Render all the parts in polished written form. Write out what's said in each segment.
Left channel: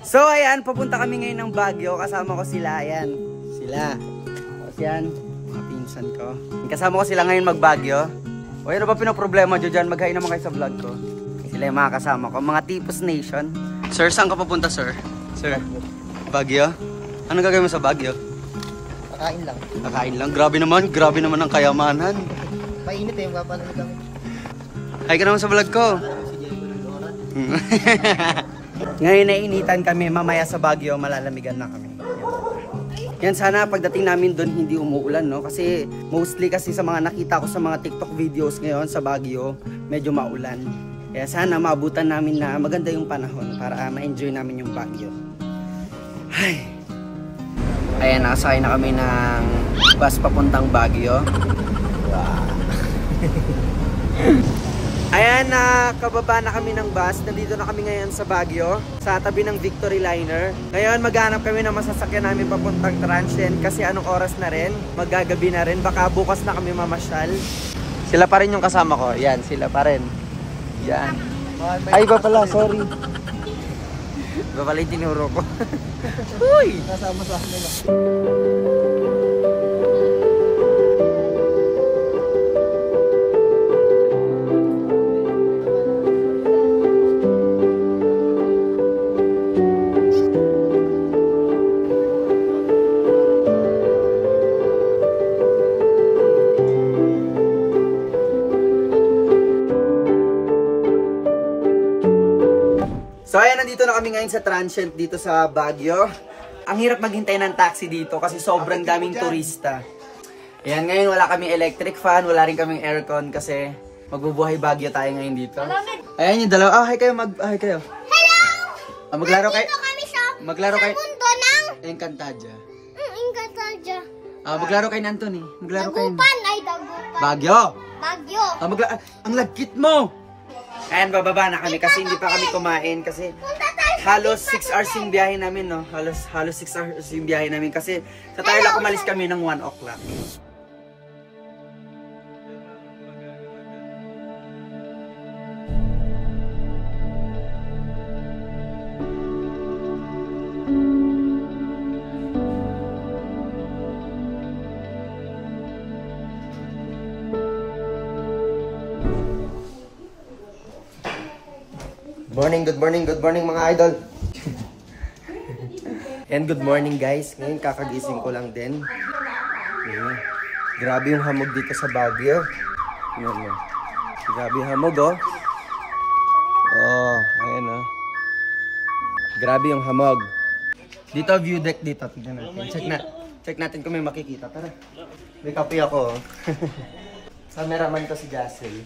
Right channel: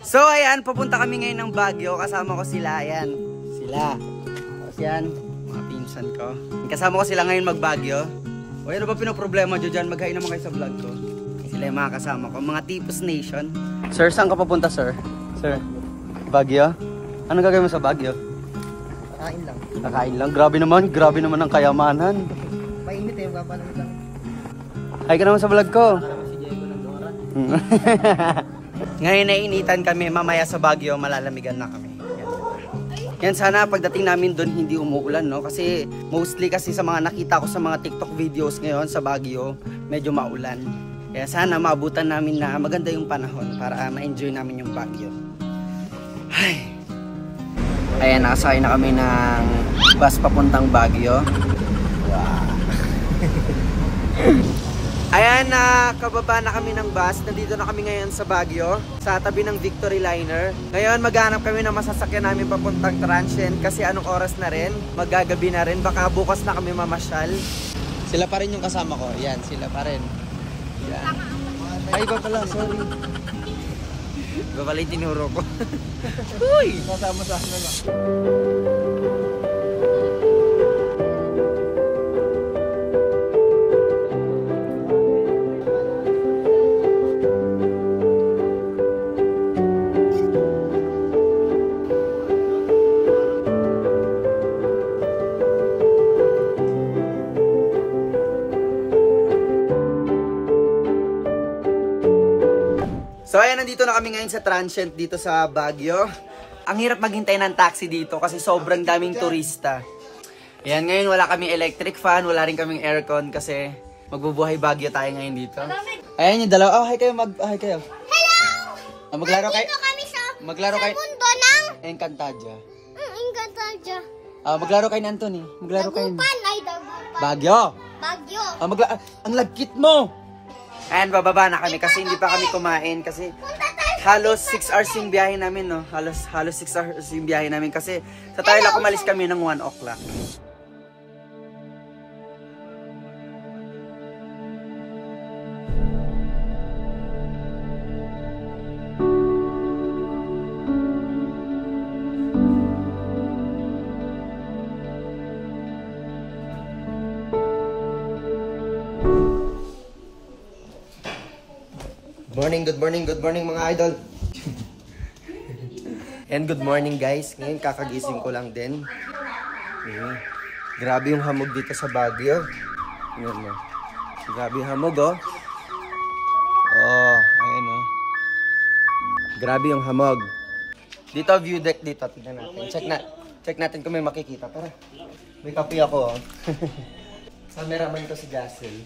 So ayan, papunta kami ngayon ng Baguio. Kasama ko sila, ayan. Sila. Tapos yan, mga pinsan ko. Kasama ko sila ngayon mag-Baguio. O ano ba pinaproblema nyo dyan? Mag-hi naman kayo sa vlog ko. Sila yung mga kasama ko, mga Tipos Nation. Sir, saan ka papunta, sir? Sir, Baguio? Anong gagawin mo sa Baguio? Kakain lang. Kakain lang? Grabe naman ang kayamanan. Mainit eh, yung papanood ako. Hi ka naman sa vlog ko. Ngayon nainitan kami, mamaya sa Baguio malalamigan na kami. Yan, sana pagdating namin doon hindi umuulan, no? Kasi mostly kasi sa mga nakita ko sa mga TikTok videos ngayon sa Baguio, medyo maulan. Kaya sana maabutan namin na maganda yung panahon para ma-enjoy namin yung Baguio. Ay. Ayan, nakasakay na kami ng bus papuntang Baguio. Wow. Ayan, kababa na kami ng bus. Nandito na kami ngayon sa Baguio, sa tabi ng Victory Liner. Ngayon, maghanap kami ng masasakyan namin papuntang Transient kasi anong oras na rin, maggagabi na rin. Baka bukas na kami mamasyal. Sila pa rin yung kasama ko. Yan, sila pa rin. Yan. Ay, iba pala, sorry. Iba pala yung tinuro ko. Uy! Kasama sa akin na. So ayan, nandito na kami ngayon sa Transient dito sa Baguio. Ang hirap maghintay ng taxi dito kasi sobrang daming turista. Ayan, ngayon wala kaming electric fan, wala rin kaming aircon kasi magbubuhay Baguio tayo ngayon dito. Ayan yung dalawa. Hi kayo, hi kayo. Hello! Maglaro kayo. Maglaro kayo. Sa mundo ng Encantadia. Encantadia. Maglaro kayo ng Anthony. Maglaro kayo. Dagupan ay dagupan. Baguio. Bagyo. Ang lagkit mo. Ayan, bababa na kami kasi hindi pa kami kumain kasi halos 6 hours yung biyahe namin, no? Halos 6 hours yung biyahe namin kasi sa Tarlac umalis kami ng 1 o'clock. Good morning mga idol. And good morning guys. Ngayon kakagising ko lang din. Grabe yung hamog dito sa Baguio. Ayan, grabe yung hamog, oh. Oh, ayan, oh. Grabe yung hamog. Dito view deck dito, tingnan natin. Check natin kung may makikita. Tara. May kape ako, oh. Cameraman ko si Jassel.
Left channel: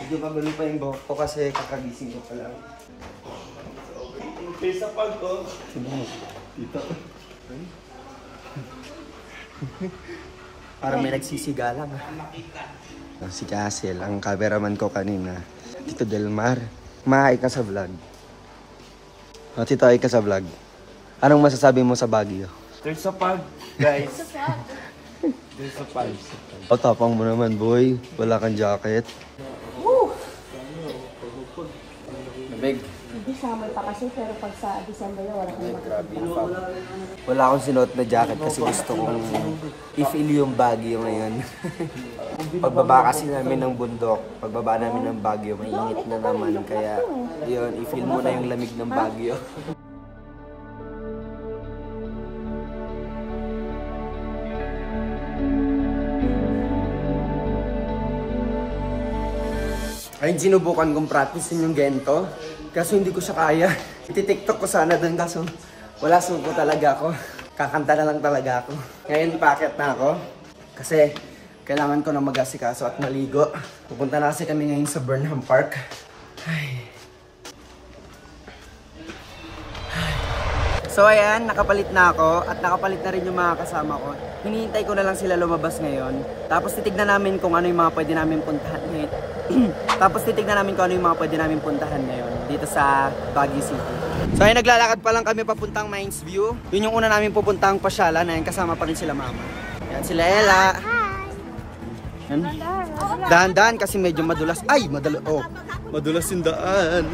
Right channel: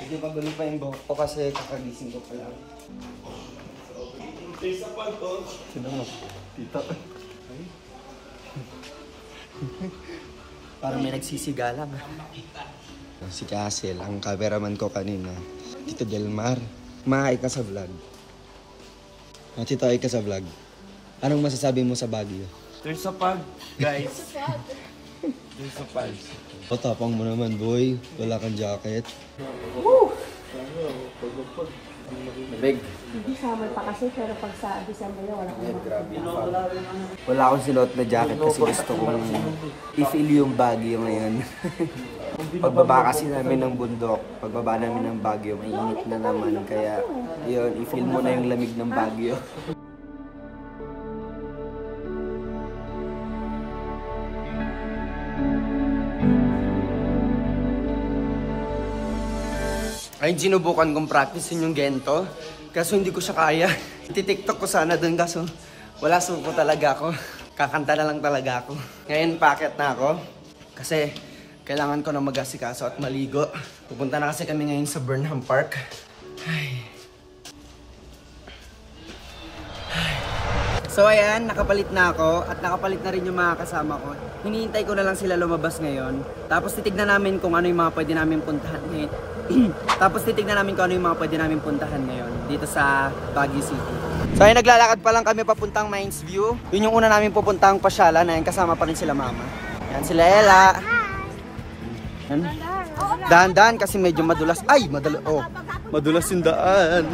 Medyo magulo pa yung buhok ko kasi kakagising ko pa lang. Sa palto. Sino? Dito. Parang may nagsisigalang. Si Jassel, ang cameraman ko kanina. Tito Delmar. Mahay ka sa vlog. Tito, ay ka sa vlog. Anong masasabi mo sa Baguio? There's a pag, guys. There's a pag. O, tapang mo naman, boy. Wala kang jacket. Nabig. Hindi summer pa kasi, pero pag sa December na wala akong grabe yung fog. Wala akong sinuot na jacket kasi gusto kong i-feel yung Baguio ngayon. Pagbaba kasi namin ng bundok, pagbaba namin ng Baguio, may init na naman. Kaya yun, i-feel mo na yung lamig ng Baguio. Ay, sinubukan kong practicein yung gento. Kaso hindi ko siya kaya. Iti-tiktok ko sana dun kaso wala suko talaga ako. Kakanta na lang talaga ako. Ngayon packet na ako. Kasi kailangan ko na mag-asikaso at maligo. Pupunta na kasi kami ngayon sa Burnham Park. Ay. So ayan, nakapalit na ako at nakapalit na rin yung mga kasama ko. Hinihintay ko na lang sila lumabas ngayon. Tapos titignan namin kung ano yung mga pwede namin puntahan ngayon. Tapos titignan namin kung ano yung mga pwede namin puntahan ngayon dito sa Baguio City. So ayun, naglalakad pa lang kami papuntang Mines View. Yun yung una namin pupuntang pasyalan. Ayun, kasama pa rin sila mama. Yan sila Ella. Yan. Dahan-dahan kasi medyo madulas. Ay, madulas yung daan.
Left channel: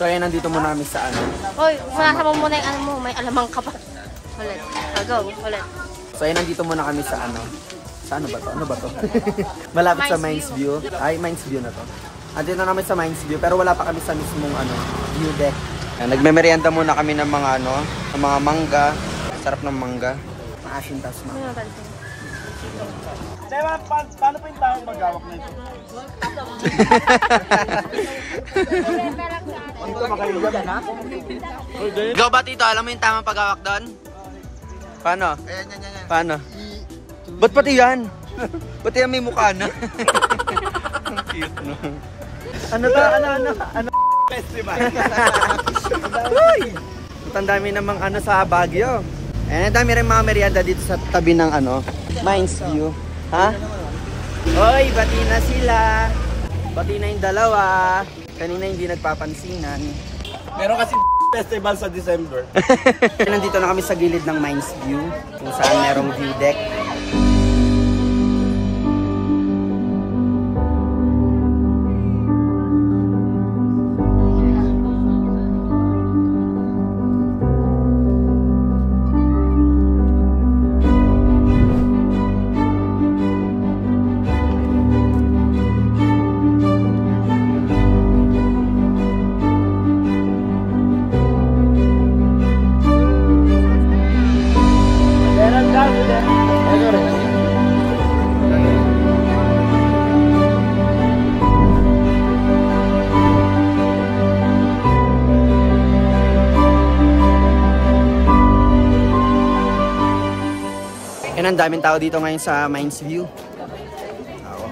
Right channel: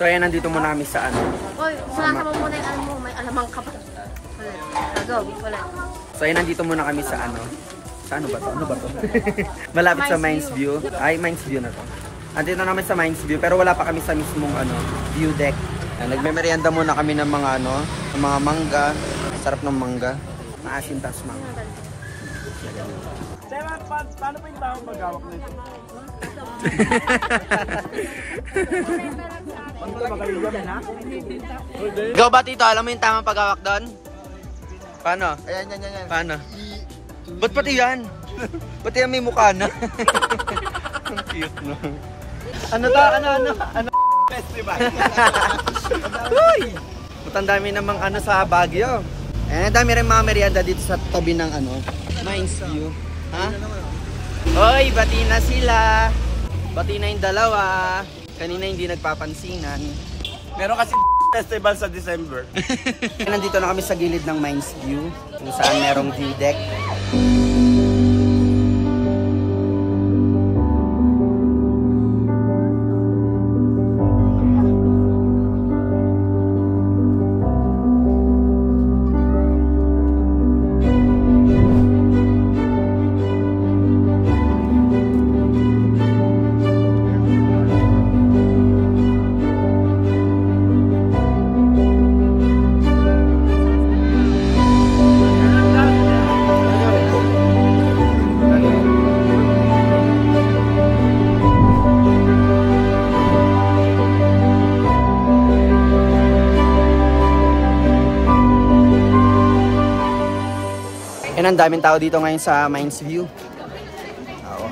So ayan, nandito muna kami sa ano. Hoy, mga mo muna yung ano mo, may alamang ka pa. Ulit. Agaw, ulit. So ayan, nandito muna kami sa ano. Sa ano ba to? Ano ba to? Malapit sa Mines View. Ay, Mines View na to. Andito namin sa Mines View, pero wala pa kami sa mismong ano, view deck. Nagme-merienda muna kami ng mga ano, ng mga mangga. Sarap ng mangga. Maasin tas mangga. Paano po yung tawag mag-awak nito? Ikaw ba, Tito? Alam mo yung tamang paghawak doon? Paano? Ayan. Paano? Ba't pati yan? Ba't yan may mukha na? Ang cute, no? Ano to? Ano? Festival. Uy! Ang dami namang ano sa Baguio. Ang dami rin mga merienda dito sa tabi ng ano, Mines View. Ha? Hoy, bati na sila. Bati na yung dalawa. Kanina hindi nagpapansinan. Meron kasi festival sa December. Nandito na kami sa gilid ng Mines View, kung saan merong view deck. Yan, ang daming tao dito ngayon sa Mines View. Oo.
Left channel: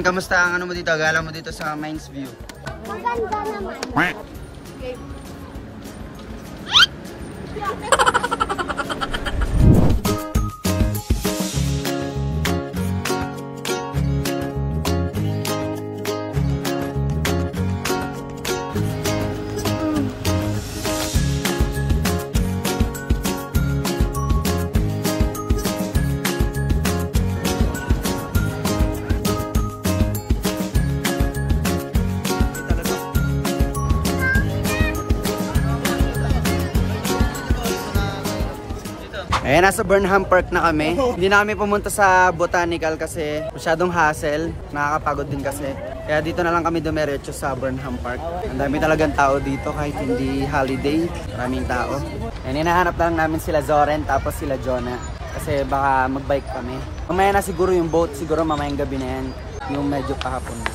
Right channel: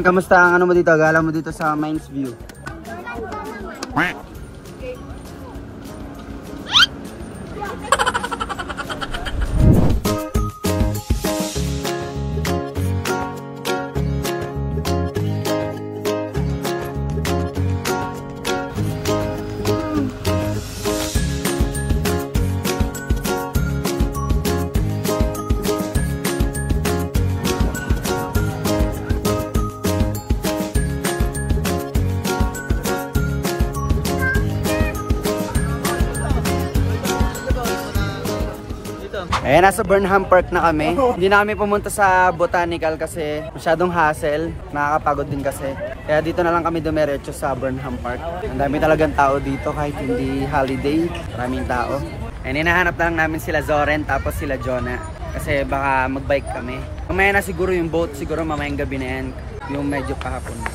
Kamusta ang ano mo dito? Gala mo dito sa Mines View? Maganda naman. Ayan, nasa Burnham Park na kami. Hindi na kami pumunta sa Botanical kasi masyadong hassle. Nakakapagod din kasi. Kaya dito na lang kami dumiretso sa Burnham Park. Ang dami talagang tao dito kahit hindi holiday. Maraming tao. Ayan, hinahanap na lang namin sila Zoren tapos sila Jonah. Kasi baka magbike kami. Mamaya na siguro yung boat. Siguro mamayang gabi na yan. Yung medyo kahapon na.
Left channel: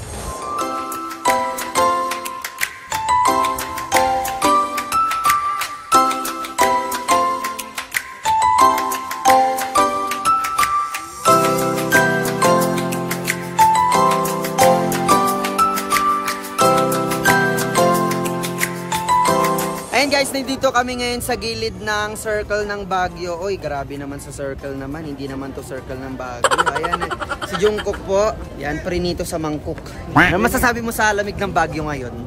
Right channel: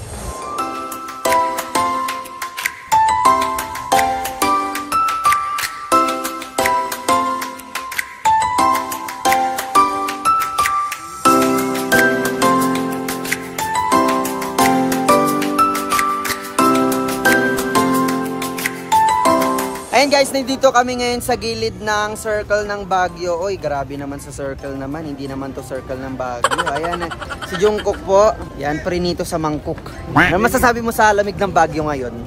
Ayan guys, nandito kami ngayon sa gilid ng circle ng Baguio. Oy, grabe naman sa circle naman. Hindi naman to circle ng Baguio. Ayan, si Jungkook po. Yan, prinito sa mangkok. Ano masasabi mo sa lamig ng Baguio ngayon?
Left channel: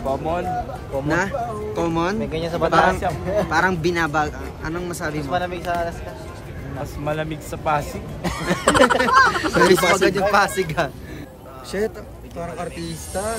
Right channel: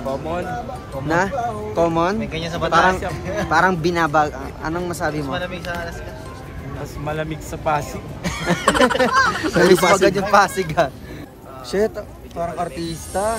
Common. Na? Common? Parang binabag. Anong masabi mo? Mas malamig sa Pasig. Namiss mo agad yung Pasig ha. Shit, parang artista.